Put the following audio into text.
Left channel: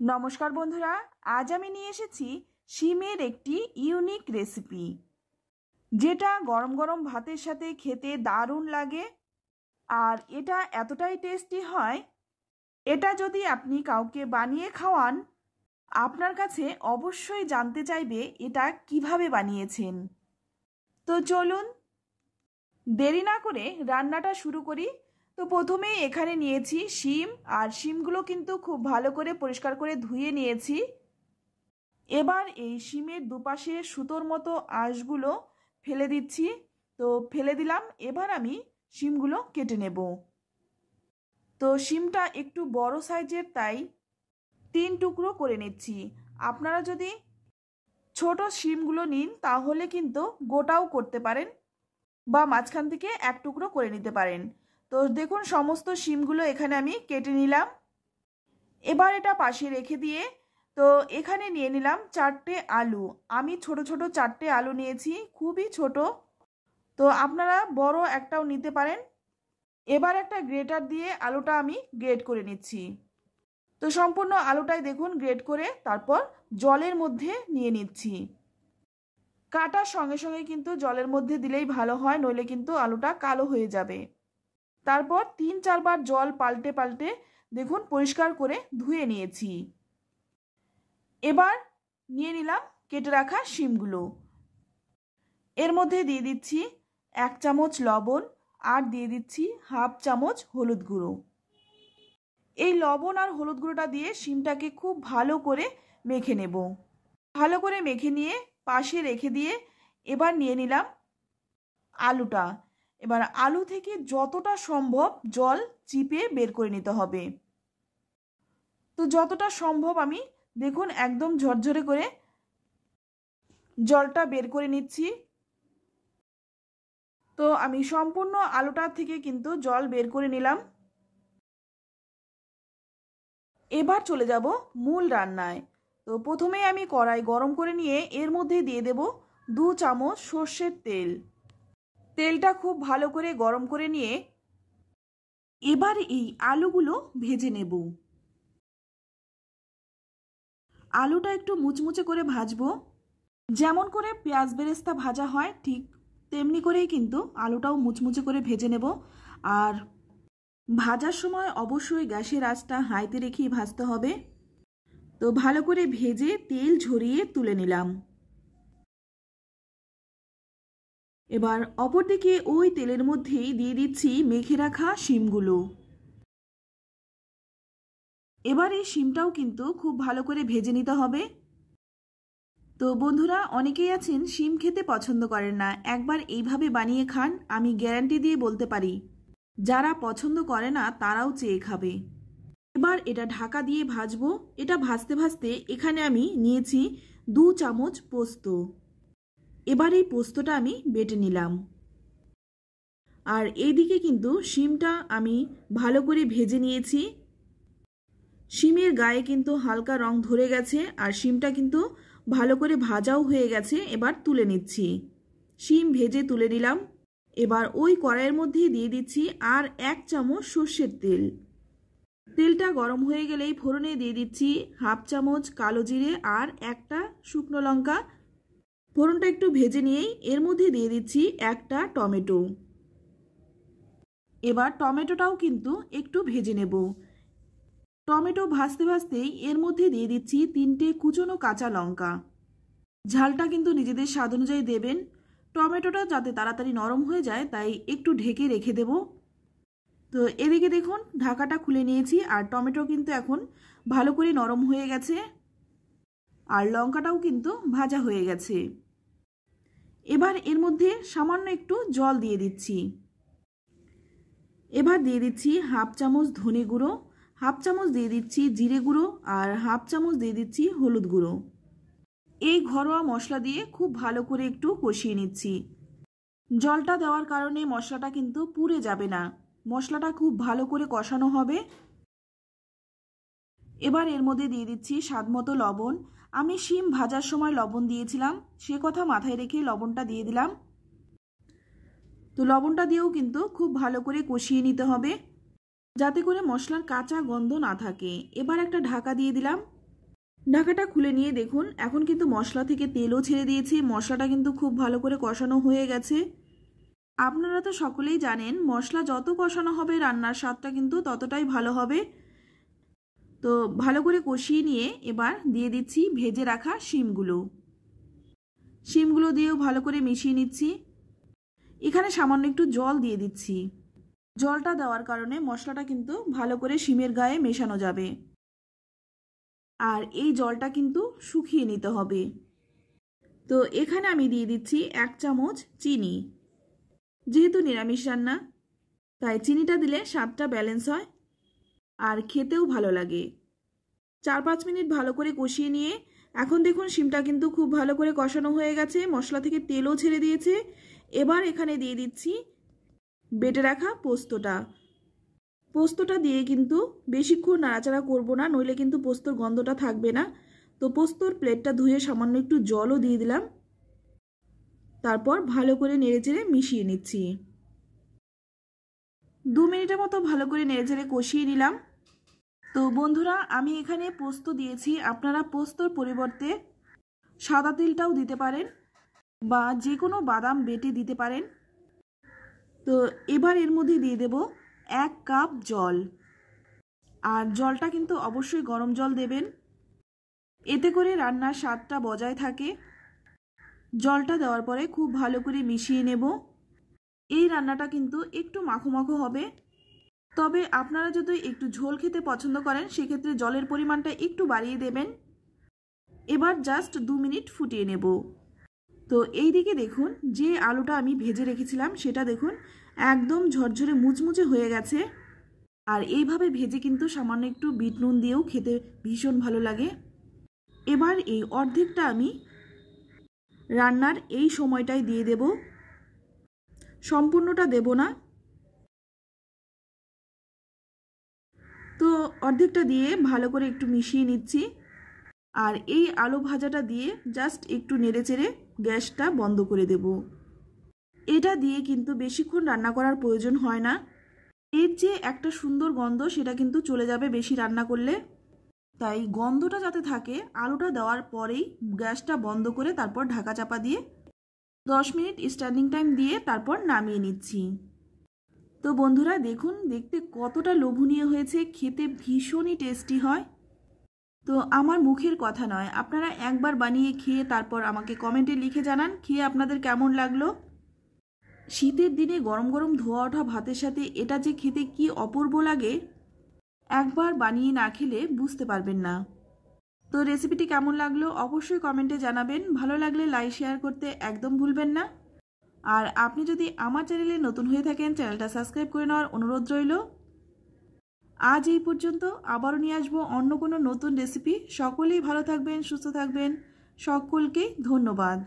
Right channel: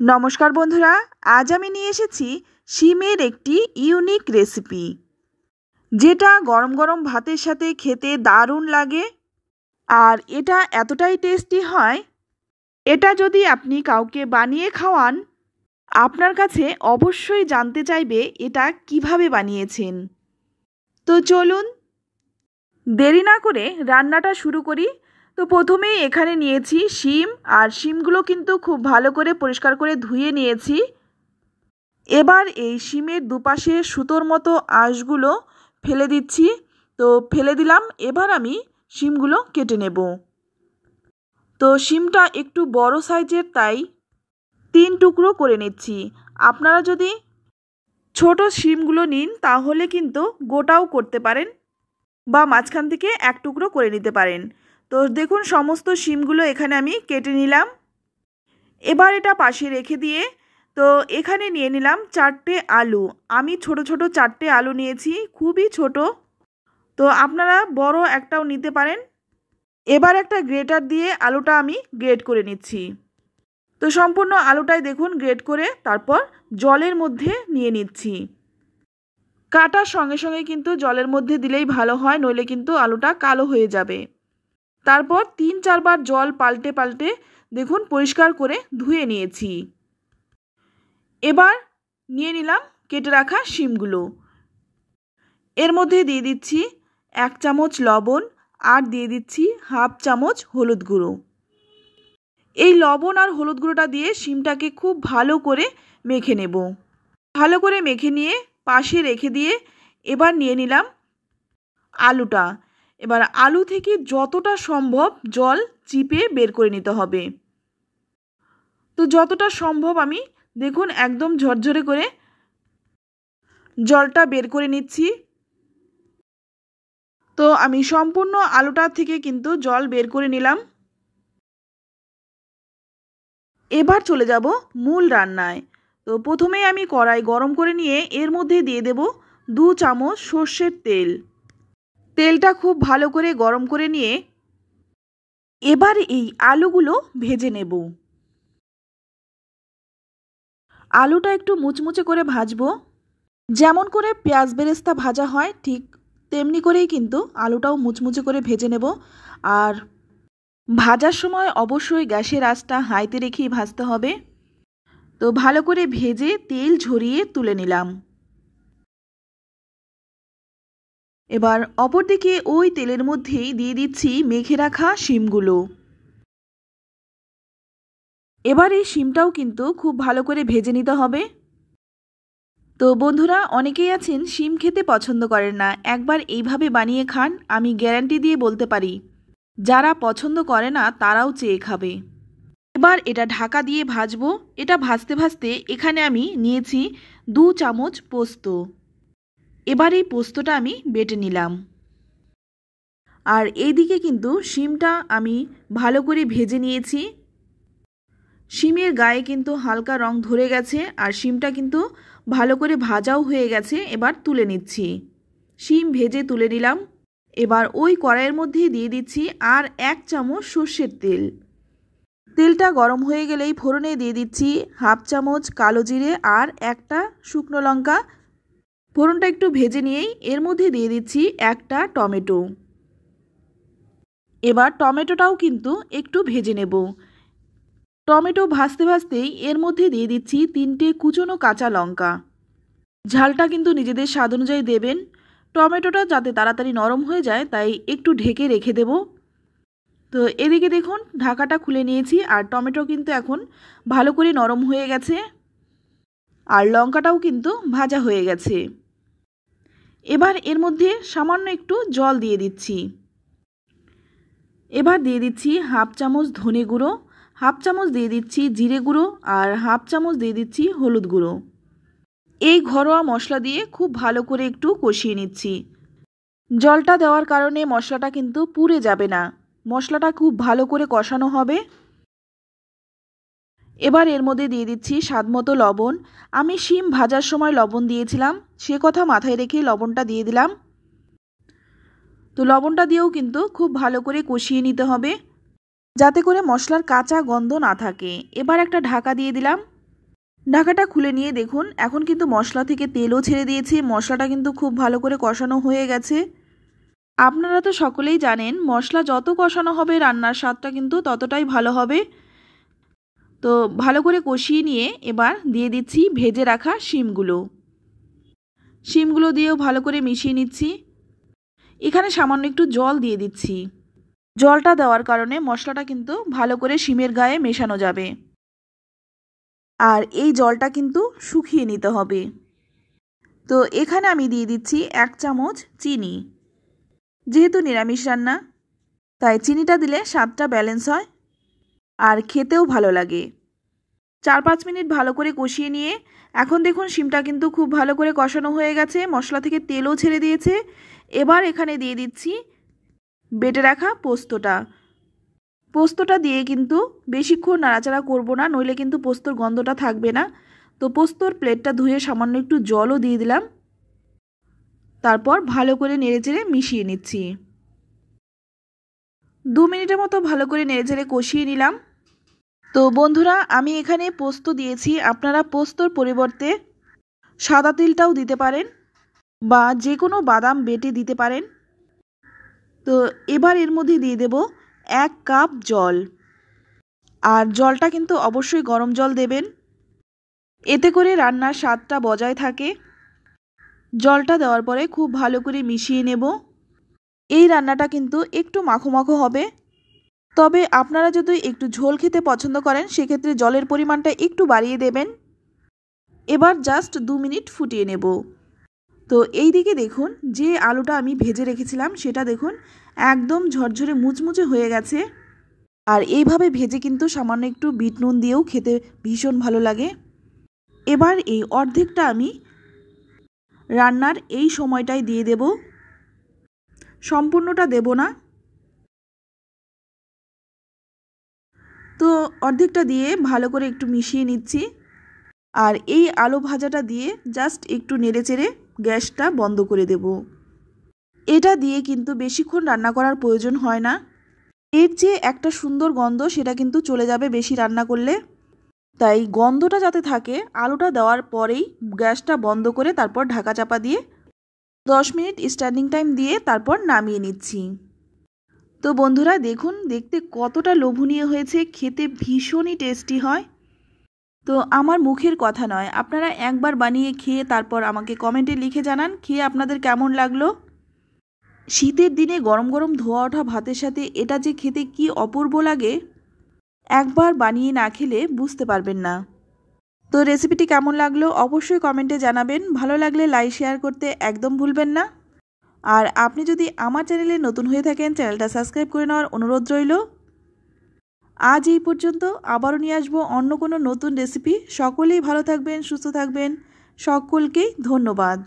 নমস্কার বন্ধুরা, আজ আমি নিয়ে এসেছি শিমের একটি ইউনিক রেসিপি, যেটা গরম গরম ভাতের সাথে খেতে দারুণ লাগে। আর এটা এতটাই টেস্টি হয়, এটা যদি আপনি কাউকে বানিয়ে খাওয়ান, আপনার কাছে অবশ্যই জানতে চাইবে এটা কিভাবে বানিয়েছেন। তো চলুন দেরি না করে রান্নাটা শুরু করি। তো প্রথমেই এখানে নিয়েছি শিম, আর শিমগুলো কিন্তু খুব ভালো করে পরিষ্কার করে ধুয়ে নিয়েছি। এবার এই শিমের দুপাশে সুতোর মতো আঁশগুলো ফেলে দিচ্ছি। তো ফেলে দিলাম। এবার আমি শিমগুলো কেটে নেব। তো শিমটা একটু বড় সাইজের, তাই 3 টুকরো করে নিচ্ছি। আপনারা যদি ছোট শিমগুলো নিন তাহলে কিন্তু গোটাও করতে পারেন, বা মাঝখান থেকে 1 টুকরো করে নিতে পারেন। তো দেখুন সমস্ত শিমগুলো এখানে আমি কেটে নিলাম। এবার এটা পাশে রেখে দিয়ে তো এখানে নিয়ে নিলাম 4টে আলু। আমি ছোট ছোট 4টে আলু নিয়েছি, খুবই ছোট। তো আপনারা বড় একটাও নিতে পারেন। এবার একটা গ্রেটার দিয়ে আলুটা আমি গ্রেট করে নিচ্ছি। তো সম্পূর্ণ আলুটাই দেখুন গ্রেট করে তারপর জলের মধ্যে নিয়ে নিচ্ছি। কাটার সঙ্গে সঙ্গে কিন্তু জলের মধ্যে দিলেই ভালো হয়, নইলে কিন্তু আলুটা কালো হয়ে যাবে। তারপর 3-4 বার জল পাল্টে পাল্টে দেখুন পরিষ্কার করে ধুয়ে নিয়েছি। এবার নিয়ে নিলাম কেটে রাখা শিমগুলো। এর মধ্যে দিয়ে দিচ্ছি 1 চামচ লবণ, আর দিয়ে দিচ্ছি 1/2 চামচ হলুদ গুঁড়ো। এই লবণ আর হলুদ গুঁড়োটা দিয়ে শিমটাকে খুব ভালো করে মেখে নেব। ভালো করে মেখে নিয়ে পাশে রেখে দিয়ে এবার নিয়ে নিলাম আলুটা। এবার আলু থেকে যতটা সম্ভব জল চিপে বের করে নিতে হবে। তো যতটা সম্ভব আমি দেখুন একদম ঝরঝরে করে জলটা বের করে নিচ্ছি। তো আমি সম্পূর্ণ আলুটা থেকে কিন্তু জল বের করে নিলাম। এবার চলে যাব মূল রান্নায়। তো প্রথমেই আমি কড়াই গরম করে নিয়ে এর মধ্যে দিয়ে দেব 2 চামচ সর্ষের তেল। তেলটা খুব ভালো করে গরম করে নিয়ে এবার এই আলুগুলো ভেজে নেব। আলুটা একটু মুচমুচে করে ভাজবো। যেমন করে পেঁয়াজ বেরেস্তা ভাজা হয় ঠিক তেমনি করেই কিন্তু আলুটাও মুচমুচে করে ভেজে নেব। আর ভাজার সময় অবশ্যই গ্যাসের আঁচটা হাইতে রেখেই ভাজতে হবে। তো ভালো করে ভেজে তেল ঝরিয়ে তুলে নিলাম। এবার অপরদিকে ওই তেলের মধ্যেই দিয়ে দিচ্ছি মেখে রাখা শিমগুলো। এবার এই শিমটাও কিন্তু খুব ভালো করে ভেজে নিতে হবে। তো বন্ধুরা, অনেকেই আছেন শিম খেতে পছন্দ করেন না, একবার এইভাবে বানিয়ে খান, আমি গ্যারান্টি দিয়ে বলতে পারি যারা পছন্দ করে না তারাও চেয়ে খাবে। এবার এটা ঢাকা দিয়ে ভাজবো। এটা ভাজতে ভাজতে এখানে আমি নিয়েছি 2 চামচ পোস্ত। এবার এই পোস্তটা আমি বেটে নিলাম। আর এইদিকে কিন্তু শিমটা আমি ভালো করে ভেজে নিয়েছি। শিমের গায়ে কিন্তু হালকা রং ধরে গেছে, আর শিমটা কিন্তু ভালো করে ভাজাও হয়ে গেছে। এবার তুলে নিচ্ছি। শিম ভেজে তুলে নিলাম। এবার ওই কড়াইয়ের মধ্যে দিয়ে দিচ্ছি আর 1 চামচ সর্ষের তেল। তেলটা গরম হয়ে গেলেই ফোড়নে দিয়ে দিচ্ছি 1/2 চামচ কালো জিরে আর একটা শুকনো লঙ্কা। ফোড়নটা একটু ভেজে নিয়েই এর মধ্যে দিয়ে দিচ্ছি একটা টমেটো। এবার টমেটোটাও কিন্তু একটু ভেজে নেব। টমেটো ভাজতে ভাজতেই এর মধ্যে দিয়ে দিচ্ছি 3টে কুচনো কাঁচা লঙ্কা। ঝালটা কিন্তু নিজেদের স্বাদ অনুযায়ী দেবেন। টমেটোটা যাতে তাড়াতাড়ি নরম হয়ে যায় তাই একটু ঢেকে রেখে দেব। তো এদিকে দেখুন ঢাকাটা খুলে নিয়েছি, আর টমেটো কিন্তু এখন ভালো করে নরম হয়ে গেছে, আর লঙ্কাটাও কিন্তু ভাজা হয়ে গেছে। এবার এর মধ্যে সামান্য একটু জল দিয়ে দিচ্ছি। এবার দিয়ে দিচ্ছি 1/2 চামচ ধনে গুঁড়ো, 1/2 চামচ দিয়ে দিচ্ছি জিরে গুঁড়ো, আর 1/2 চামচ দিয়ে দিচ্ছি হলুদ গুঁড়ো। এই ঘরোয়া মশলা দিয়ে খুব ভালো করে একটু কষিয়ে নিচ্ছি। জলটা দেওয়ার কারণে মশলাটা কিন্তু পুড়ে যাবে না, মশলাটা খুব ভালো করে কষানো হবে। এবার এর মধ্যে দিয়ে দিচ্ছি স্বাদমতো লবণ। আমি শিম ভাজার সময় লবণ দিয়েছিলাম, সে কথা মাথায় রেখে লবণটা দিয়ে দিলাম। তো লবণটা দিয়েও কিন্তু খুব ভালো করে কষিয়ে নিতে হবে, যাতে করে মশলার কাঁচা গন্ধ না থাকে। এবার একটা ঢাকা দিয়ে দিলাম। ঢাকাটা খুলে নিয়ে দেখুন এখন কিন্তু মশলা থেকে তেলও ছেড়ে দিয়েছে, মশলাটা কিন্তু খুব ভালো করে কষানো হয়ে গেছে। আপনারা তো সকলেই জানেন মশলা যত কষানো হবে রান্নার স্বাদটা কিন্তু ততটাই ভালো হবে। তো ভালো করে কষিয়ে নিয়ে এবার দিয়ে দিচ্ছি ভেজে রাখা শিমগুলো দিয়েও ভালো করে মিশিয়ে নিচ্ছি। এখানে সামান্য একটু জল দিয়ে দিচ্ছি। জলটা দেওয়ার কারণে মশলাটা কিন্তু ভালো করে শিমের গায়ে মেশানো যাবে। আর এই জলটা কিন্তু শুকিয়ে নিতে হবে। তো এখানে আমি দিয়ে দিচ্ছি 1 চামচ চিনি। যেহেতু নিরামিষ রান্না তাই চিনিটা দিলে স্বাদটা ব্যালেন্স হয় আর খেতেও ভালো লাগে। 4-5 মিনিট ভালো করে কষিয়ে নিয়ে এখন দেখুন শিমটা কিন্তু খুব ভালো করে কষানো হয়ে গেছে, মশলা থেকে তেলও ছেড়ে দিয়েছে। এবার এখানে দিয়ে দিচ্ছি বেটে রাখা পোস্তটা দিয়ে কিন্তু বেশিক্ষণ নাড়াচাড়া করব না, নইলে কিন্তু পোস্তর গন্ধটা থাকবে না। তো পোস্তর প্লেটটা ধুয়ে সামান্য একটু জলও দিয়ে দিলাম। তারপর ভালো করে নেড়েচেড়ে মিশিয়ে নিচ্ছি। 2 মিনিটের মতো ভালো করে নেড়েচেড়ে কষিয়ে নিলাম। তো বন্ধুরা আমি এখানে পোস্ত দিয়েছি, আপনারা পোস্তর পরিবর্তে সাদা তিলটাও দিতে পারেন বা যে কোনো বাদাম বেটে দিতে পারেন। তো এবার এর মধ্যে দিয়ে দেব 1 কাপ জল। আর জলটা কিন্তু অবশ্যই গরম জল দেবেন, এতে করে রান্নার স্বাদটা বজায় থাকে। জলটা দেওয়ার পরে খুব ভালো করে মিশিয়ে নেব। এই রান্নাটা কিন্তু একটু মাখো মাখো হবে, তবে আপনারা যদি একটু ঝোল খেতে পছন্দ করেন সেক্ষেত্রে জলের পরিমাণটা একটু বাড়িয়ে দেবেন। এবার জাস্ট 2 মিনিট ফুটিয়ে নেব। তো এই দিকে দেখুন যে আলুটা আমি ভেজে রেখেছিলাম সেটা দেখুন একদম ঝরঝরে মুচমুচে হয়ে গেছে। আর এইভাবে ভেজে কিন্তু সামান্য একটু বিট নুন দিয়েও খেতে ভীষণ ভালো লাগে। এবার এই অর্ধেকটা আমি রান্নার এই সময়টাই দিয়ে দেব, সম্পূর্ণটা দেব না। তো অর্ধেকটা দিয়ে ভালো করে একটু মিশিয়ে নিচ্ছি। আর এই আলু ভাজাটা দিয়ে জাস্ট একটু নেড়েচেড়ে গ্যাসটা বন্ধ করে দেব। এটা দিয়ে কিন্তু বেশিক্ষণ রান্না করার প্রয়োজন হয় না, এর যে একটা সুন্দর গন্ধ সেটা কিন্তু চলে যাবে বেশি রান্না করলে। তাই গন্ধটা যাতে থাকে আলুটা দেওয়ার পরেই গ্যাসটা বন্ধ করে তারপর ঢাকা চাপা দিয়ে 10 মিনিট স্ট্যান্ডিং টাইম দিয়ে তারপর নামিয়ে নিচ্ছি। তো বন্ধুরা দেখুন দেখতে কতটা লোভনীয় হয়েছে, খেতে ভীষণই টেস্টি হয়। তো আমার মুখের কথা নয়, আপনারা একবার বানিয়ে খেয়ে তারপর আমাকে কমেন্টে লিখে জানান খেয়ে আপনাদের কেমন লাগলো। শীতের দিনে গরম গরম ধোয়া ওঠা ভাতের সাথে এটা যে খেতে কি অপূর্ব লাগে, একবার বানিয়ে না খেলে বুঝতে পারবেন না। তো রেসিপিটি কেমন লাগলো অবশ্যই কমেন্টে জানাবেন, ভালো লাগলে লাইক শেয়ার করতে একদম ভুলবেন না। আর আপনি যদি আমার চ্যানেলে নতুন হয়ে থাকেন চ্যানেলটা সাবস্ক্রাইব করে নেওয়ার অনুরোধ রইল। আজ এই পর্যন্ত, আবারও নিয়ে আসবো অন্য কোনো নতুন রেসিপি। সকলেই ভালো থাকবেন, সুস্থ থাকবেন, সকলকেই ধন্যবাদ।